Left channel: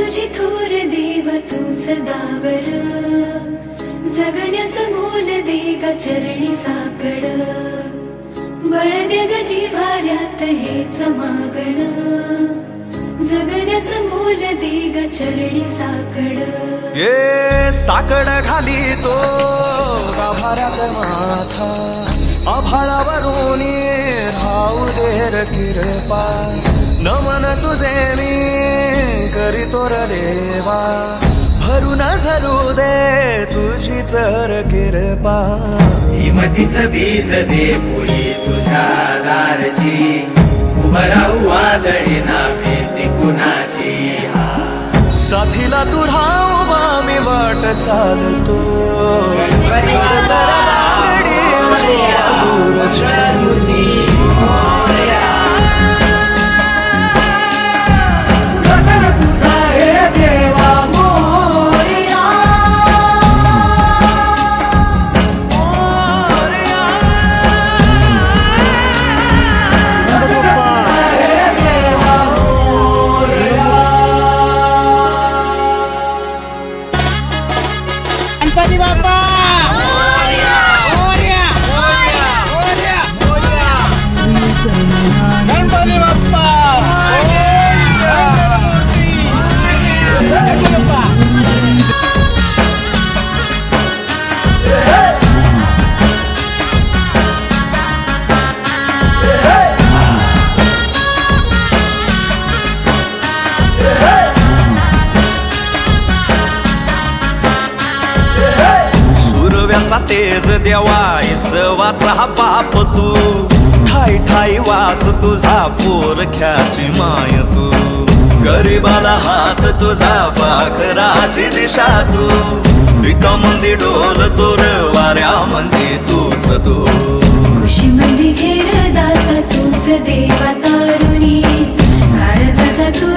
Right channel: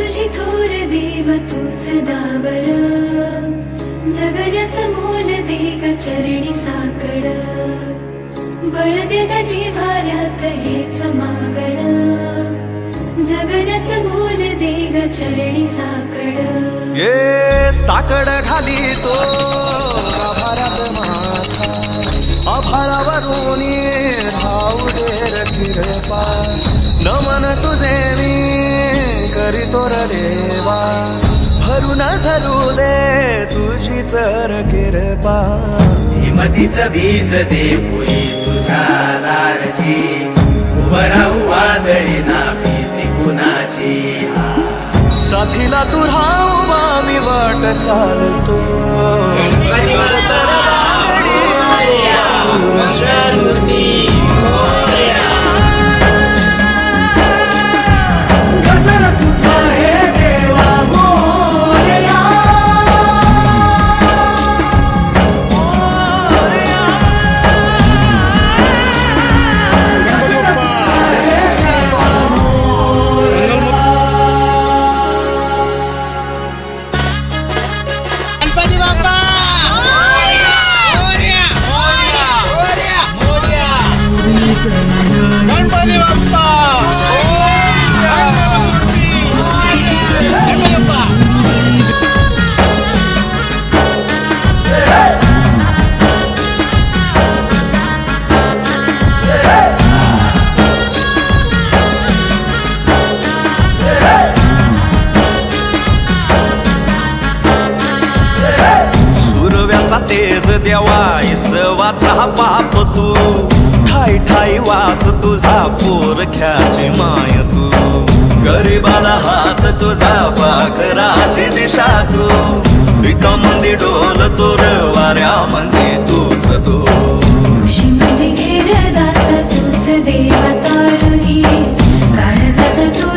तुझी थोर देव तू सदा बरा, जगण्याचं मोल दे ग चरणी साकड, बळ दे ग जिव्हाऱ्यात हेच मागण, जगण्याचं मोल दे ग चरणी साकड। ये साकड घाली तो गाभाऱ्यात माथा, आभाळावरून धावू दे कृपा, नमन तुझे मी करीतो रे देवा, भरून झरू दे तुझी चर कृपा। हिमतीच बीज दे पुरी तुझ्या दारची, उभराऊ वादळी ना भीती कुणाची। साथीला तू राहू मी वाट चालतो, गणपती बाप्पा गणपती बाप्पा सुरव्याचा तेज देवा इसवाचा पाप तू, ठाई ठाई वास तुझा पोरख्याची माय तू, गरीबाला हात तुझा पाखराची दिशा तू, विकामंदी डोल तोर वाऱ्या म्हणजे तूच तू, खुशीमध्ये घेर दाता तूच देवा तारुणी, काळजाचा तू